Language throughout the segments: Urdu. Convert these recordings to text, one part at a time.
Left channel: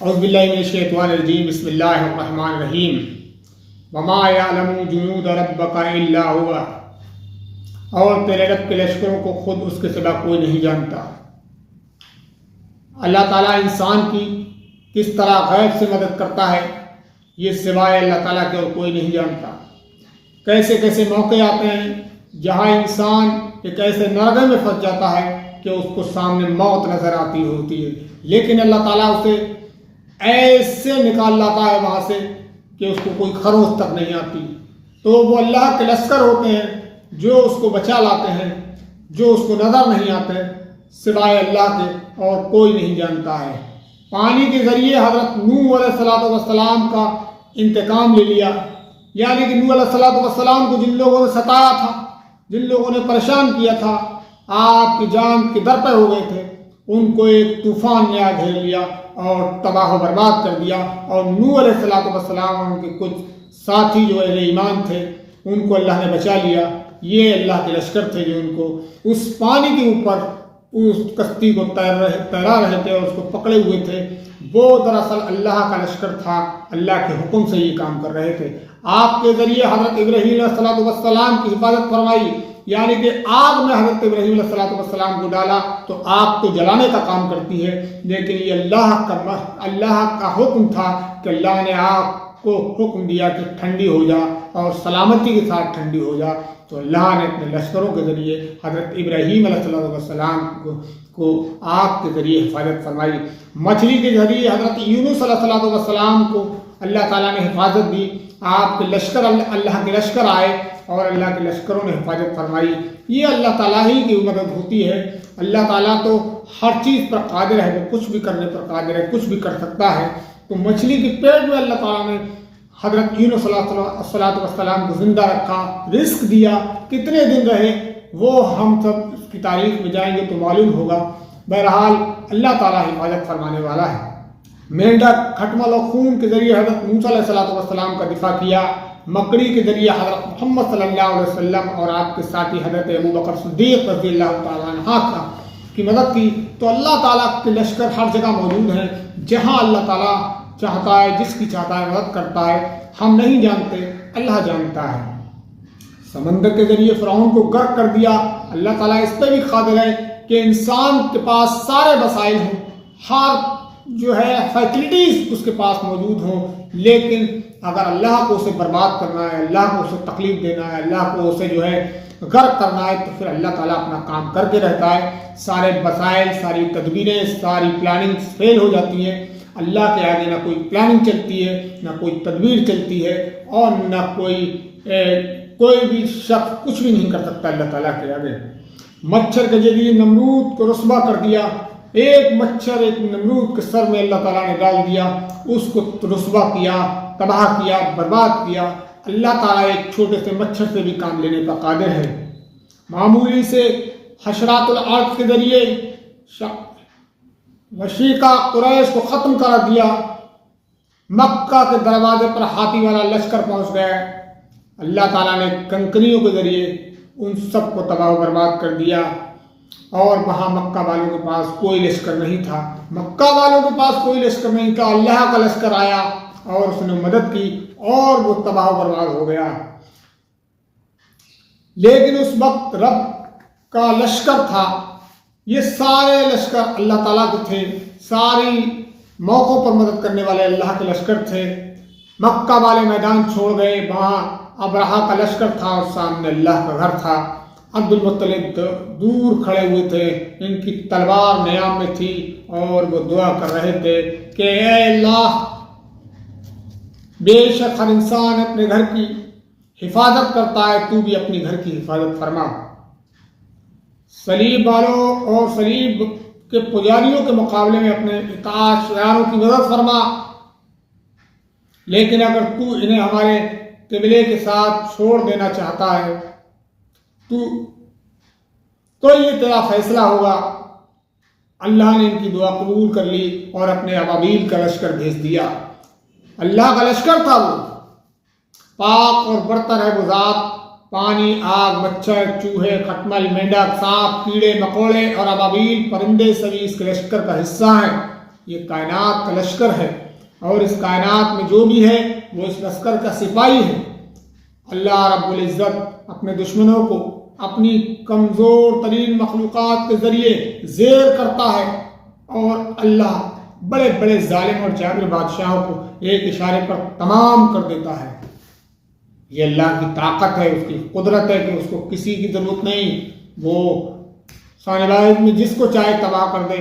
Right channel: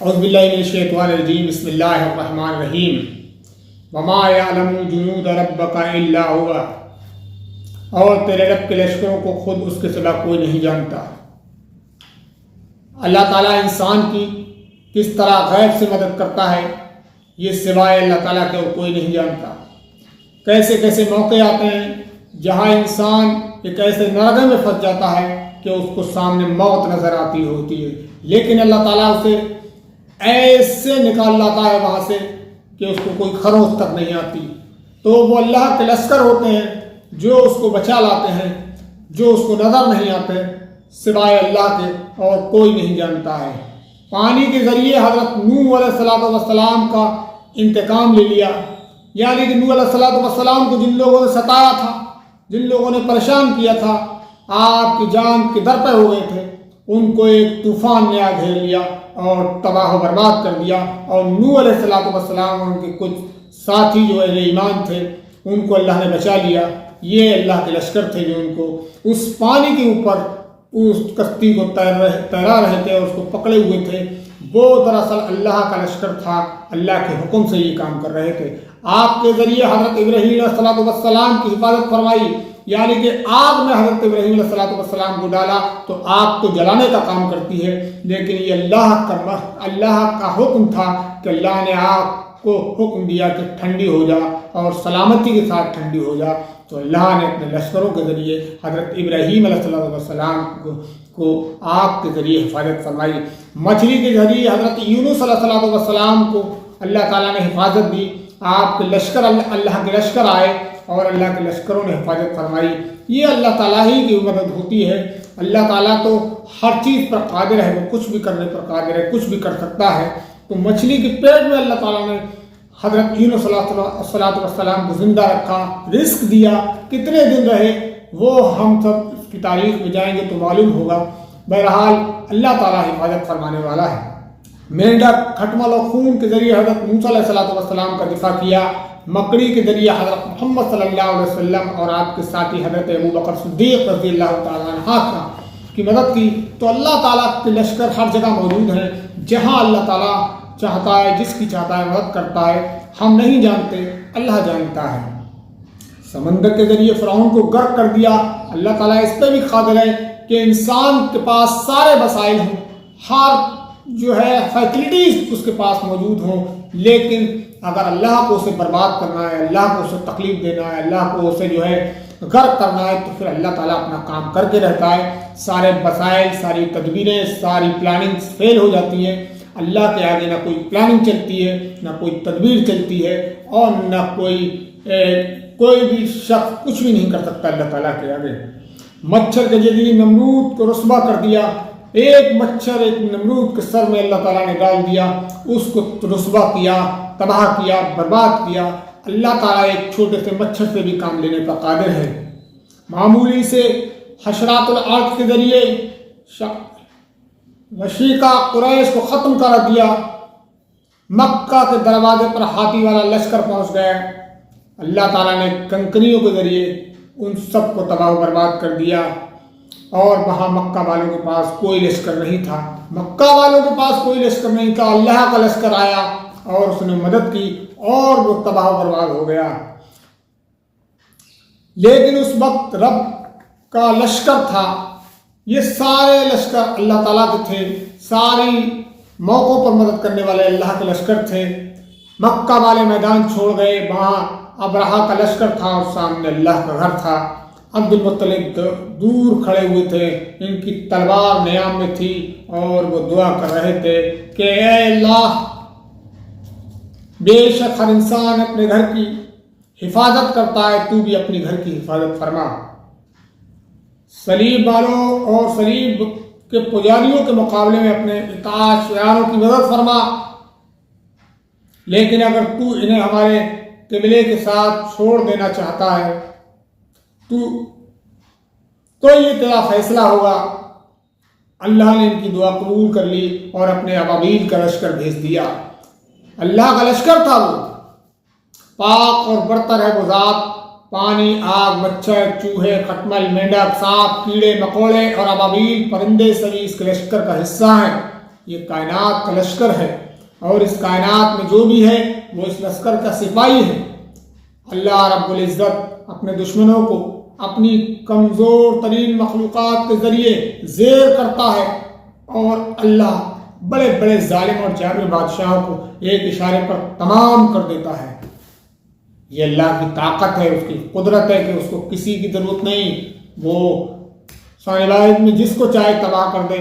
اعوذ باللہ من الشیطان الرجیم بسم اللہ الرحمن الرحیم وما یعلم جنود ربک الا هو، اور تیرے رب کے لشکروں کو خود اس کے سوا کوئی نہیں جانتا۔ اللہ تعالیٰ انسان کی کس طرح غیب سے مدد کرتا ہے یہ سوائے اللہ تعالیٰ کے اور کوئی نہیں جانتا۔ کیسے کیسے موقع آتے ہیں جہاں انسان ایک ایسے نرغے میں پھنس جاتا ہے کہ اس کو سامنے موت نظر آتی ہوتی ہے، لیکن اللہ تعالیٰ اسے ایسے نکال لاتا ہے وہاں سے کہ اس کو کوئی خروش تک نہیں آتی۔ تو وہ اللہ کے لشکر ہوتے ہیں جو اس کو بچا لاتے ہیں، جو اس کو نظر نہیں آتے سوائے اللہ کے، اور کوئی نہیں جانتا ہے۔ پانی کے ذریعے حضرت نوح علیہ السلام کا انتقام لے لیا، یعنی کہ نوح علیہ السلام کو جن لوگوں نے ستایا تھا، جن لوگوں نے پریشان کیا تھا، آپ کی جان کے در پہ ہو گئے تھے، ان کو ایک طوفان نے آ گھیر لیا اور تباہ و برباد کر دیا۔ اور نوح علیہ السلام ان کے کچھ ساتھی جو اہل ایمان تھے ان کو اللہ نے بچا لیا۔ یہ اللہ کے لشکر تھے جو ان کو اس پانی کے اوپر اس کشتی کو تیرا رہے تھے اور اس کو پکڑے ہوئے تھے۔ وہ دراصل اللہ کا لشکر تھا، اللہ کے حکم سے یہ کام کر رہے تھے۔ آپ کے ذریعے حضرت ابراہیم علیہ السلام کی حفاظت فرمائی، یعنی کہ آگ میں حضرت ابراہیم علیہ السلام کو ڈالا تو آگ تو جلانے کا کام کرتی ہے، لیکن یہ اللہ کا حکم تھا کہ اللہ نے آگ کو حکم دیا کہ ٹھنڈی ہو جا اور سلامتی کے ساتھ ٹھنڈی ہو جا۔ تو اللہ نے اپنے لشکروں کے ذریعے حضرت ابراہیم علیہ السلام کو آگ کے ذریعے حفاظت فرمائی۔ مچھلی کے ذریعے حضرت یونس علیہ السلام کو اللہ تعالیٰ نے حفاظت دی۔ آپ کے لشکر اللہ کے لشکر آئے اور اللہ کے لشکروں نے حفاظت فرمائی۔ یہ اللہ تعالیٰ ہی کی مدد ہوتی ہے۔ اللہ تعالیٰ تو ہر چیز پر قادر ہے، وہ کچھ بھی کرنے پر قادر ہے، کچھ بھی کر سکتا ہے۔ تو مچھلی کے پیٹ میں اللہ تعالیٰ نے حضرت یونس علیہ السلام کو زندہ رکھا، رزق دیا۔ کتنے دن رہے وہ ہم سب اس کی تاریخ میں جائیں گے تو معلوم ہوگا۔ بہرحال اللہ تعالیٰ حفاظت فرمانے والا ہے۔ مینڈک، کھٹمل اور خون کے ذریعے حضرت موسیٰ علیہ السلام کا دفاع کیا۔ مکڑی کے ذریعے حضرت محمد صلی اللہ علیہ وسلم اور آپ کے ساتھی حضرت ابوبکر صدیق رضی اللہ تعالیٰ عنہ کی مدد کی۔ تو اللہ تعالیٰ کے لشکر ہر جگہ موجود ہیں، جہاں اللہ تعالیٰ چاہتا ہے، جس کی چاہتا ہے مدد کرتا ہے۔ ہم نہیں جانتے، اللہ جانتا ہے۔ سمندر کے ذریعے فرعون کو غرق کر دیا۔ اللہ تعالیٰ اس پہ بھی قادر ہے کہ انسان کے پاس سارے وسائل ہوں، ہر جو ہے فیسلٹیز اس کے پاس موجود ہوں، لیکن اگر اللہ کو اسے برباد کرنا ہے، اللہ کو اسے تکلیف دینا ہے، اللہ کو اسے جو ہے غرق کرنا ہے، تو پھر اللہ تعالیٰ اپنا کام کر کے رہتا ہے۔ سارے وسائل، ساری تدبیریں، ساری پلاننگ فیل ہو جاتی ہیں۔ اللہ کے آگے نہ کوئی پلاننگ چلتی ہے، نہ کوئی تدبیر چلتی ہے، اور نہ کوئی بھی شخص کچھ بھی نہیں کر سکتا اللہ تعالیٰ کے آگے۔ مچھر کے ذریعے نمرود کو رسوا کر دیا۔ ایک مچھر ایک نمرود کے سر میں اللہ تعالیٰ نے ڈال دیا، اس کو رسوا کیا، تباہ کیا، برباد کیا۔ اللہ تعالیٰ ایک چھوٹے سے مچھر سے بھی کام لینے پر قادر ہے۔ معمولی سے حشرات الارض کے ذریعے مشرقہ قریش کو ختم کر دیا۔ مکہ کے دروازے پر ہاتھی والا لشکر پہنچ گئے۔ اللہ تعالیٰ نے کنکریوں کے ذریعے ان سب کو تباہ و برباد کر دیا، اور وہاں مکہ والوں کے پاس کوئی لشکر نہیں تھا۔ مکہ والوں کے پاس کوئی لشکر نہیں تھا، اللہ کا لشکر آیا اور اس نے مدد کی اور وہ تباہ و برباد ہو گیا۔ لیکن اس وقت رب کا لشکر تھا، یہ سارے لشکر اللہ تعالیٰ کے تھے، ساری موقعوں پر مدد کرنے والے اللہ کے لشکر تھے۔ مکہ والے میدان چھوڑ گئے، وہاں ابرہہ کا لشکر تھا اور سامنے اللہ کا گھر تھا۔ عبد المطلب دور کھڑے ہوئے تھے، ان کی تلوار نیام میں تھی اور وہ دعا کر رہے تھے کہ اے اللہ، بے شک ہر انسان اپنے گھر کی حفاظت کرتا ہے، تو بھی اپنے گھر کی حفاظت فرما۔ صلیب والوں اور صلیب کے پجاریوں کے مقابلے میں اپنے اطاعت شعاروں کی مدد فرما، لیکن اگر تو انہیں ہمارے قبلے کے ساتھ چھوڑ دینا چاہتا ہے تو یہ تیرا فیصلہ ہوگا۔ اللہ نے ان کی دعا قبول کر لی اور اپنے ابابیل کا لشکر بھیج دیا۔ اللہ کا لشکر تھا، وہ پاک اور برتر ہے وہ ذات، پانی، آگ، مچھر، چوہے، کھٹمل، مینڈک، سانپ، کیڑے مکوڑے اور ابابیل پرندے سبھی اس کے لشکر کا حصہ ہیں۔ یہ کائنات کا لشکر ہے، اور اس کائنات میں جو بھی ہے وہ اس لشکر کا سپاہی ہے۔ اللہ رب العزت اپنے دشمنوں کو اپنی کمزور ترین مخلوقات کے ذریعے زیر کرتا ہے، اور اللہ بڑے بڑے ظالم اور جابر بادشاہوں کو ایک اشارے پر تمام کر دیتا ہے۔ یہ اللہ کی طاقت ہے، اس کی قدرت ہے کہ اس کو کسی کی ضرورت نہیں، وہ ثانیہ میں جس کو چاہے تباہ کر دے،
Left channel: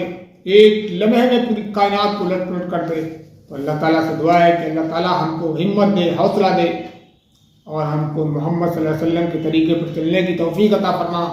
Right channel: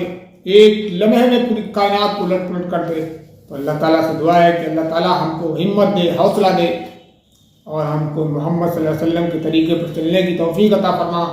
ایک لمحے میں پوری کائنات کو الٹ پلٹ کر دے۔ تو اللہ تعالیٰ سے دعا ہے کہ اللہ تعالیٰ ہم کو ہمت دے، حوصلہ دے، اور ہم کو محمد صلی اللہ علیہ وسلم کے طریقے پر چلنے کی توفیق عطا فرما۔